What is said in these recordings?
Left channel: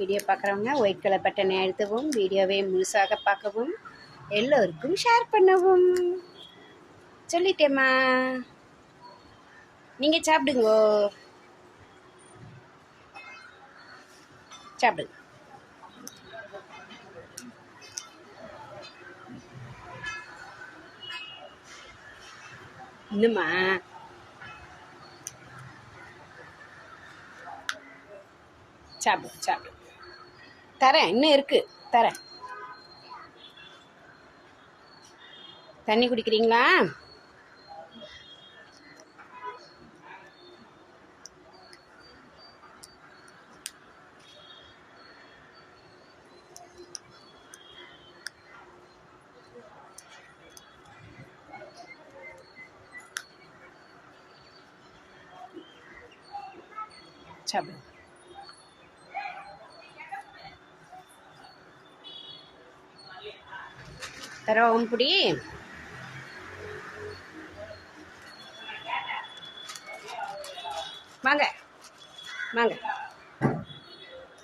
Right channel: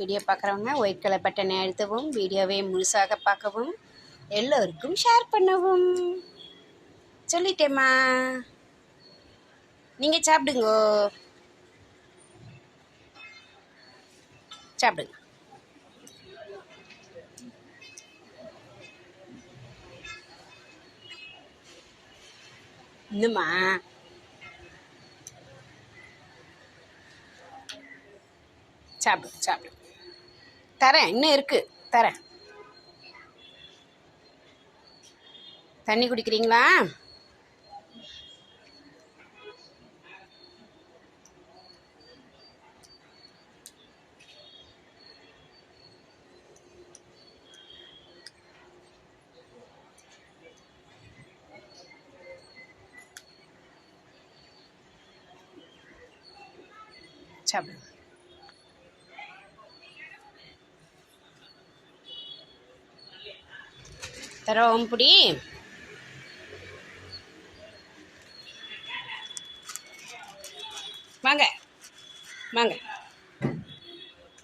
Video பார்க்குறவங்க white colour பட்டனை அழுத்தவும் வீடியோவை முழுசாக பார்க்கவும் எல்லோருக்கும் ஷேர் பண்ணவும். சொல்லிட்டேம்மா. நீங்கள் சாப்பிடுங்கோ. சாப்பிடுங்க. இன்னுமா சாப்பிடு சாப்பிடு. தரேன் இன்னும் இருக்கு. தரேன். தண்ணி குடிக்கிறீங்களா? சாப்பிடு தரோம் பிடி. வாங்க. வாங்க.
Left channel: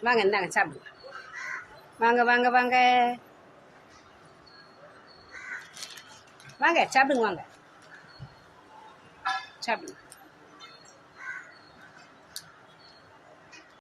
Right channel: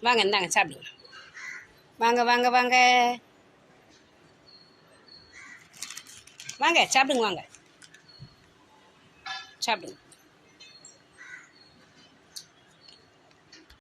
வாங்க இந்தாங்க சாப்பிடுங்க. வாங்க வாங்க வாங்க. வாங்க சாப்பிடுங்க வாங்க. சாப்பிடுங்க.